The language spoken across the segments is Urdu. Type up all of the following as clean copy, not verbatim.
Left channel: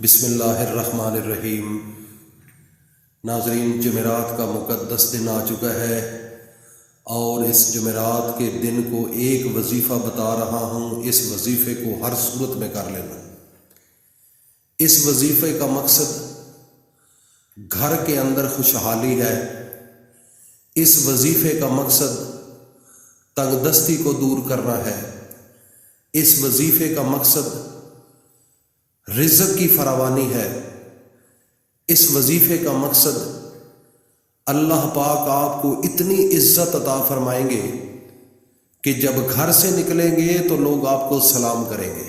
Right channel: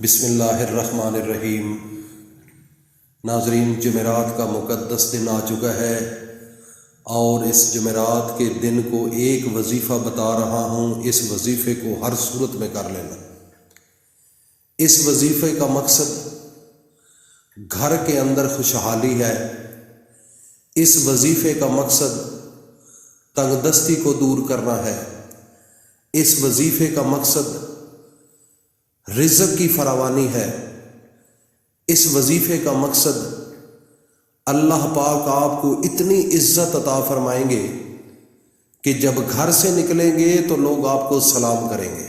بسم اللہ الرحمن الرحیم۔ ناظرین، جمعرات کا مقدس دن آ چکا ہے اور اس جمعرات کے دن کو ایک وظیفہ بتا رہا ہوں۔ اس وظیفے کو ہر صورت میں کر لینا۔ اس وظیفے کا مقصد گھر کے اندر خوشحالی ہے۔ اس وظیفے کا مقصد تنگ دستی کو دور کرنا ہے۔ اس وظیفے کا مقصد رزق کی فراوانی ہے۔ اس وظیفے کا مقصد اللہ پاک آپ کو اتنی عزت عطا فرمائیں گے کہ جب گھر سے نکلیں گے تو لوگ آپ کو سلام کریں گے،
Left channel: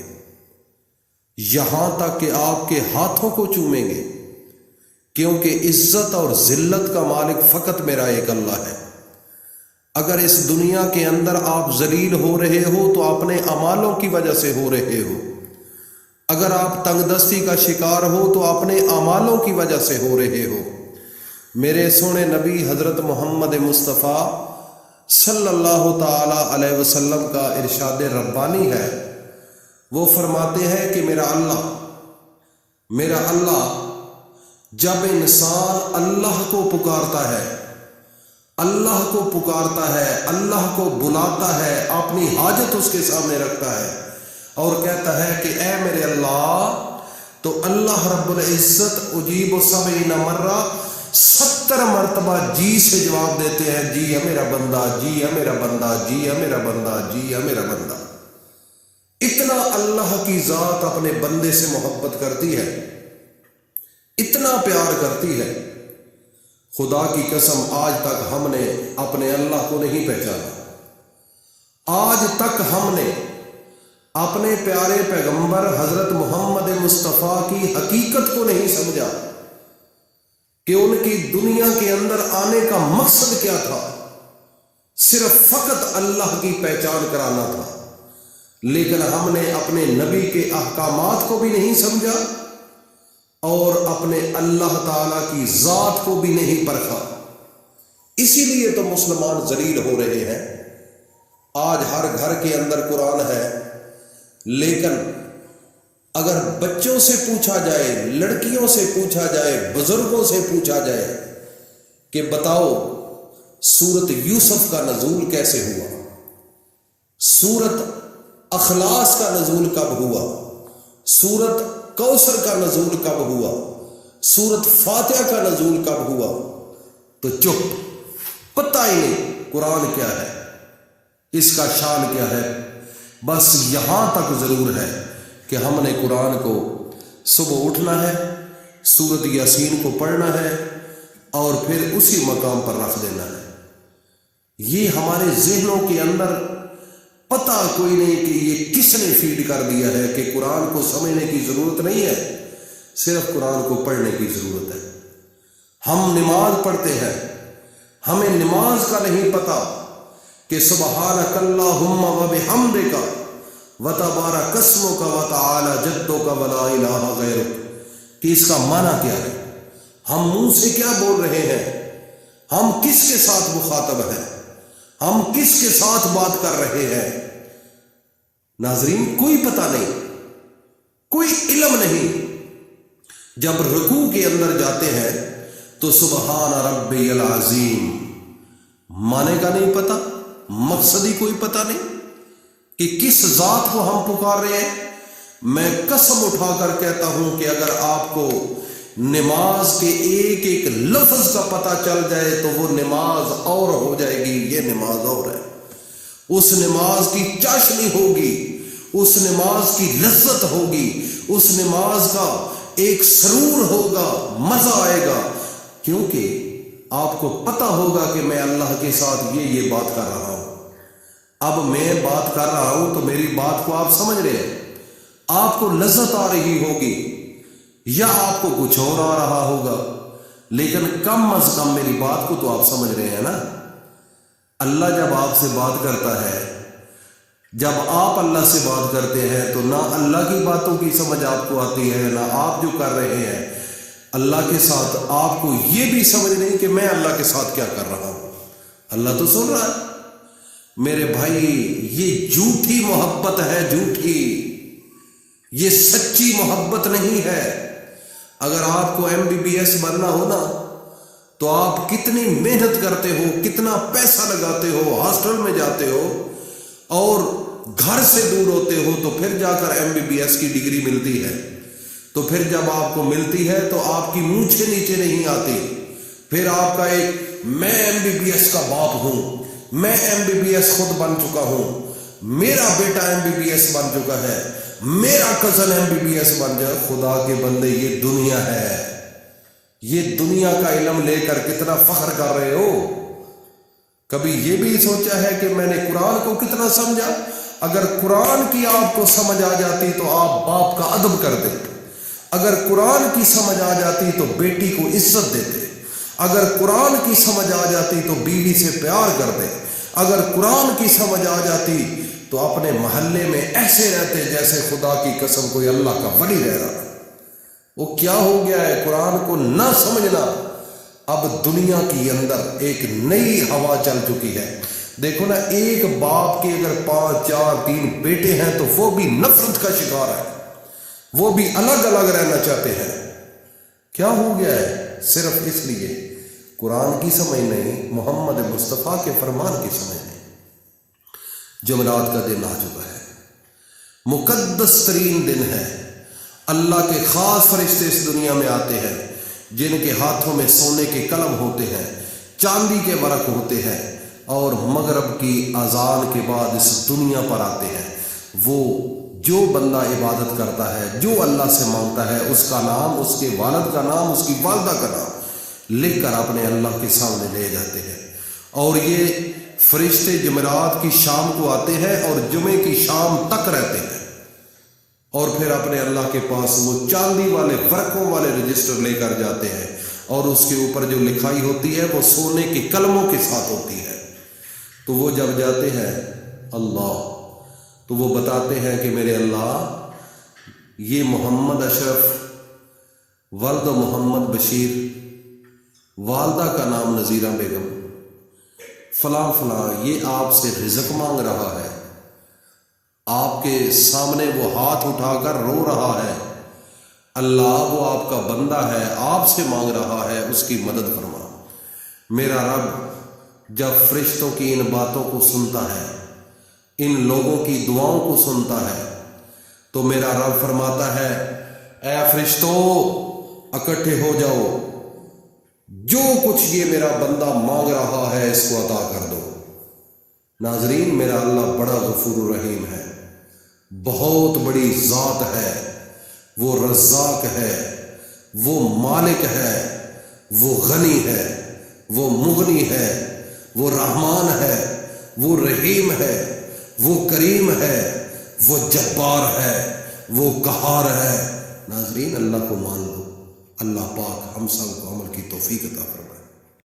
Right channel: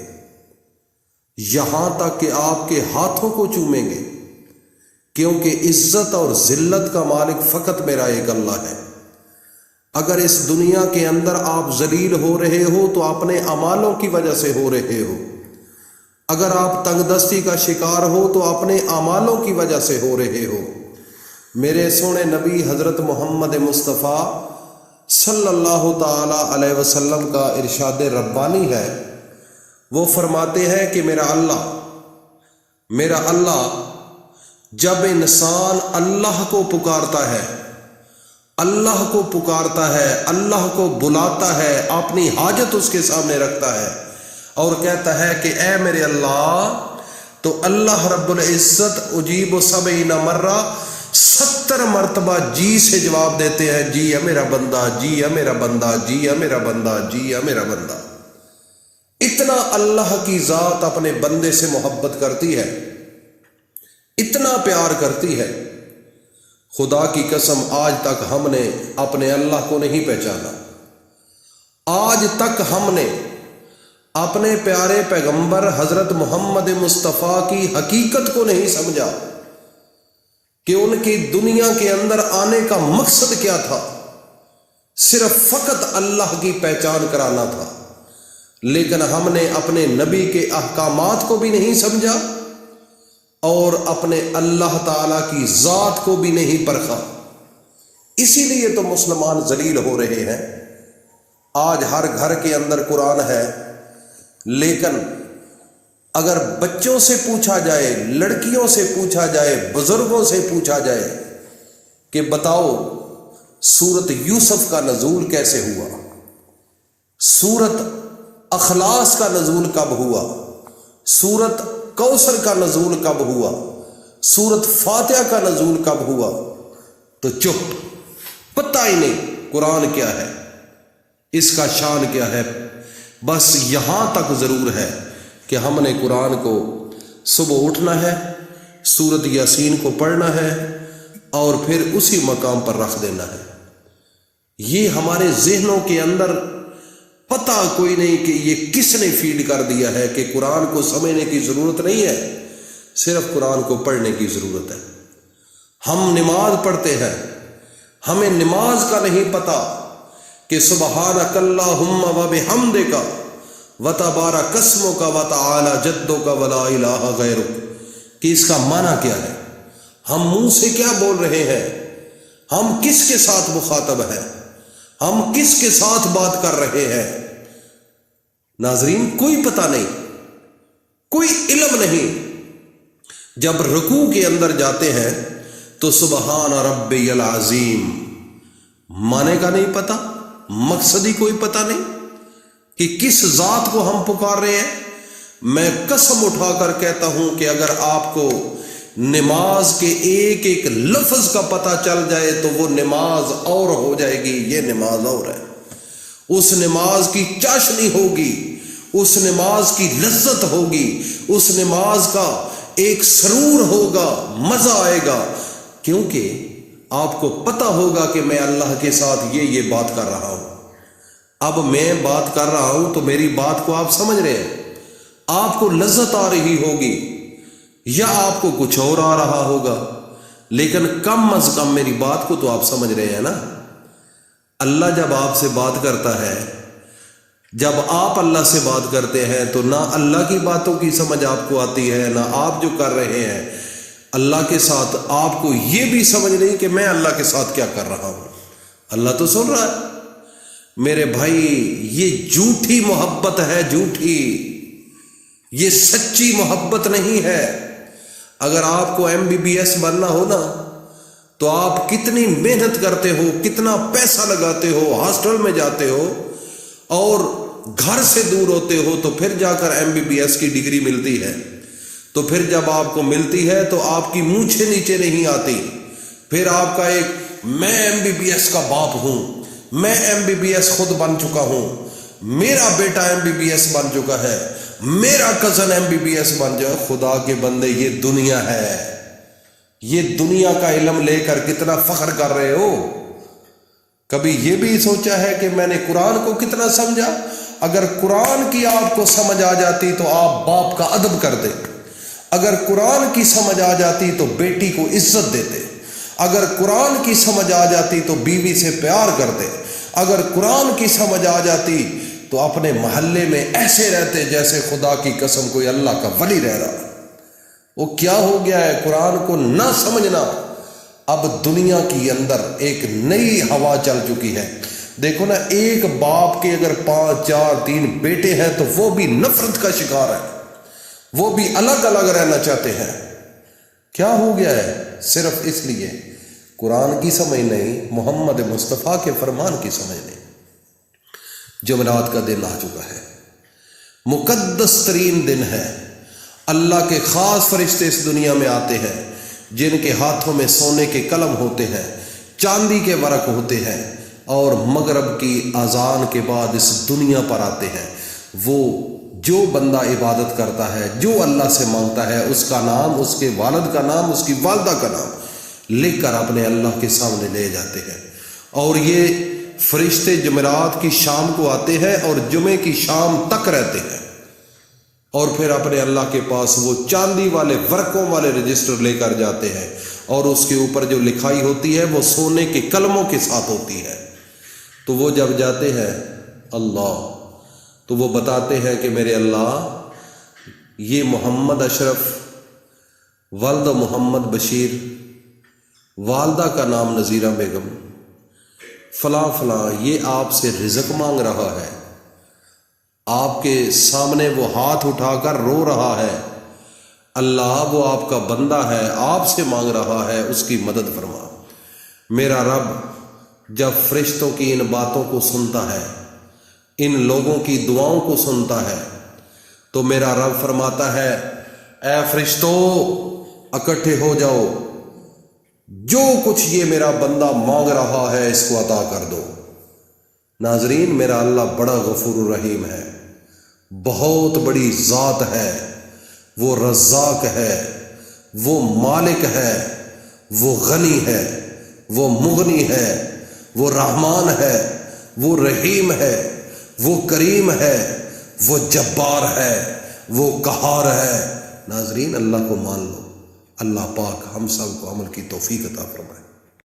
یہاں تک کہ آپ کے ہاتھوں کو چومیں گے، کیونکہ عزت اور ذلت کا مالک فقط میرا ایک اللہ ہے۔ اگر اس دنیا کے اندر آپ ذلیل ہو رہے ہو تو اپنے اعمالوں کی وجہ سے ہو رہے ہو۔ اگر آپ تنگ دستی کا شکار ہو تو اپنے اعمالوں کی وجہ سے ہو رہے ہو۔ میرے سونے نبی حضرت محمد مصطفیٰ صلی اللہ تعالی علیہ وسلم کا ارشاد ربانی ہے، وہ فرماتے ہیں کہ میرا اللہ جب انسان اللہ کو پکارتا ہے، اللہ کو پکارتا ہے، اللہ کو بلاتا ہے، اپنی حاجت اس کے سامنے رکھتا ہے اور کہتا ہے کہ اے میرے اللہ، تو اللہ رب العزت اجیب 70 مرہ 70 مرتبہ جی سے جواب دیتے ہیں، جی ہے میرا بندہ، جی ہے میرا بندہ، جی ہے میرا بندہ، جی ہے میرا بندہ۔ اتنا اللہ کی ذات اپنے بندے سے محبت کرتی ہے، اتنا پیار کرتی ہے۔ خدا کی قسم آج تک ہم نے اپنے اللہ کو نہیں پہچانا۔ آج تک ہم نے اپنے پیارے پیغمبر حضرت محمد مصطفیٰ کی حقیقت کو نہیں سمجھا کہ ان کی دنیا کے اندر آنے کا مقصد کیا تھا۔ صرف فقط اللہ کی پہچان کرانا تھا، لیکن ہم نے اپنے نبی کے احکامات کو بھی نہیں سمجھا اور اپنے اللہ تعالی کی ذات کو بھی نہیں پرکھا۔ اسی لیے تو مسلمان ذلیل ہو رہے ہیں۔ آج ہر گھر کے اندر قرآن ہے، لیکن اگر بچوں سے پوچھا جائے، لڑکیوں سے پوچھا جائے، بزرگوں سے پوچھا جائے کہ بتاؤ سورت یوسف کا نزول کیسے ہوا، سورت اخلاص کا نزول کب ہوا، سورت کوثر کا نزول کب ہوا، سورت فاتحہ کا نزول کب ہوا، تو چپ، پتہ ہی نہیں قرآن کیا ہے، اس کا شان کیا ہے۔ بس یہاں تک ضرور ہے کہ ہم نے قرآن کو صبح اٹھنا ہے، سورت یاسین کو پڑھنا ہے اور پھر اسی مقام پر رکھ دینا ہے۔ یہ ہمارے ذہنوں کے اندر پتہ کوئی نہیں کہ یہ کس نے فیڈ کر دیا ہے کہ قرآن کو سمجھنے کی ضرورت نہیں ہے، صرف قرآن کو پڑھنے کی ضرورت ہے۔ ہم نماز پڑھتے ہیں، ہمیں نماز کا نہیں پتہ کہ سبحانک اللہم و بحمدک وتبارک اسمک وتعالی جدک ولا الہ غیرک، کہ اس کا معنی کیا ہے، ہم منہ سے کیا بول رہے ہیں، ہم کس کے ساتھ مخاطب ہیں، ہم کس کے ساتھ بات کر رہے ہیں۔ ناظرین، کوئی پتہ نہیں، کوئی علم نہیں۔ جب رکوع کے اندر جاتے ہیں تو سبحان ربی العظیم معنی کا نہیں پتہ، مقصد ہی کوئی پتہ نہیں کہ کس ذات کو ہم پکار رہے ہیں۔ میں قسم اٹھا کر کہتا ہوں کہ اگر آپ کو نماز کے ایک ایک لفظ کا پتہ چل جائے تو وہ نماز اور ہو جائے گی، یہ نماز اور ہے۔ اس نماز کی چاشنی ہوگی، اس نماز کی لذت ہوگی، اس نماز کا ایک سرور ہوگا، مزہ آئے گا، کیونکہ آپ کو پتہ ہوگا کہ میں اللہ کے ساتھ یہ بات کر رہا ہوں۔ اب میں بات کر رہا ہوں تو میری بات کو آپ سمجھ رہے ہیں، آپ کو لذت آ رہی ہوگی یا آپ کو کچھ اور آ رہا ہوگا، لیکن کم از کم میری بات کو تو آپ سمجھ رہے ہیں نا۔ اللہ جب آپ سے بات کرتا ہے، جب آپ اللہ سے بات کرتے ہیں تو نہ اللہ کی باتوں کی سمجھ آپ کو آتی ہے، نہ آپ جو کر رہے ہیں اللہ کے ساتھ آپ کو یہ بھی سمجھ نہیں کہ میں اللہ کے ساتھ کیا کر رہا ہوں۔ اللہ تو سن رہا ہے۔ میرے بھائی، یہ جھوٹی محبت ہے، جھوٹی، یہ سچی محبت نہیں ہے۔ اگر آپ کو MBBS بننا ہو نا تو آپ کتنی محنت کرتے ہو، کتنا پیسہ لگاتے ہو، ہاسٹل میں جاتے ہو اور گھر سے دور ہوتے ہو، تو پھر جا کر MBBS کی ڈگری ملتی ہے۔ تو پھر جب آپ کو ملتی ہے تو آپ کی مونچھیں نیچے نہیں آتی، پھر آپ کا ایک میں MBBS کا باپ ہوں، میں MBBS خود بن چکا ہوں، میرا بیٹا MBBS بن چکا ہے، میرا کزن MBBS بن جائے۔ خدا کے بندے، یہ دنیا ہے، یہ دنیا کا علم لے کر کتنا فخر کر رہے ہو؟ کبھی یہ بھی سوچا ہے کہ میں نے قرآن کو کتنا سمجھا؟ اگر قرآن کی آپ کو سمجھ آ جاتی تو آپ باپ کا ادب کر دیں، اگر قرآن کی سمجھ آ جاتی تو بیٹی کو عزت دیتے، اگر قرآن کی سمجھ آ جاتی تو بیوی سے پیار کرتے، اگر قرآن کی سمجھ آ جاتی تو اپنے محلے میں ایسے رہتے جیسے خدا کی قسم کوئی اللہ کا ولی رہ رہا۔ وہ کیا ہو گیا ہے قرآن کو نہ سمجھنا؟ اب دنیا کے اندر ایک نئی ہوا چل چکی ہے۔ دیکھو نا، ایک باپ کے اگر 5 4 3 بیٹے ہیں تو وہ بھی نفرت کا شکار ہے، وہ بھی الگ الگ رہنا چاہتے ہیں۔ کیا ہو گیا ہے؟ صرف اس لیے قرآن کی سمجھ نہیں، محمد مصطفیٰ کے فرمان کی سمجھ نہیں۔ جمعرات کا دن آ چکا ہے، مقدس ترین دن ہے۔ اللہ کے خاص فرشتے اس دنیا میں آتے ہیں جن کے ہاتھوں میں سونے کے قلم ہوتے ہیں، چاندی کے ورق ہوتے ہیں، اور مغرب کی اذان کے بعد اس دنیا پر آتے ہیں۔ وہ جو بندہ عبادت کرتا ہے، جو اللہ سے مانگتا ہے، اس کا نام، اس کے والد کا نام، اس کی والدہ کا نام لکھ کر اپنے اللہ کے سامنے لے جاتے ہیں۔ اور یہ فرشتے جمعرات کی شام کو آتے ہیں اور جمعے کی شام تک رہتے ہیں، اور پھر اپنے اللہ کے پاس وہ چاندی والے ورقوں والے رجسٹر لے کر جاتے ہیں، اور اس کے اوپر جو لکھائی ہوتی ہے وہ سونے کے قلموں کے ساتھ ہوتی ہے۔ تو وہ جب جاتے ہیں اللہ، تو وہ بتاتے ہیں کہ میرے اللہ، یہ محمد اشرف، والد محمد بشیر، والدہ کا نام نذیرہ بیگم، فلاں فلاں، یہ آپ سے رزق مانگ رہا ہے، آپ کے سامنے وہ ہاتھ اٹھا کر رو رہا ہے، اللہ وہ آپ کا بندہ ہے، آپ سے مانگ رہا ہے، اس کی مدد فرما۔ میرا رب جب فرشتوں کی ان باتوں کو سنتا ہے، ان لوگوں کی دعاؤں کو سنتا ہے، تو میرا رب فرماتا ہے، اے فرشتوں اکٹھے ہو جاؤ، جو کچھ یہ میرا بندہ مانگ رہا ہے اس کو عطا کر دو۔ ناظرین، میرا اللہ بڑا غفور الرحیم ہے، بہت بڑی ذات ہے، وہ رزاق ہے، وہ مالک ہے، وہ غنی ہے، وہ مغنی ہے، وہ رحمان ہے، وہ رحیم ہے، وہ کریم ہے، وہ جبار ہے، وہ قہار ہے۔ ناظرین، اللہ کو مان لو، اللہ پاک ہم سب کو عمل کی توفیق عطا فرمائے۔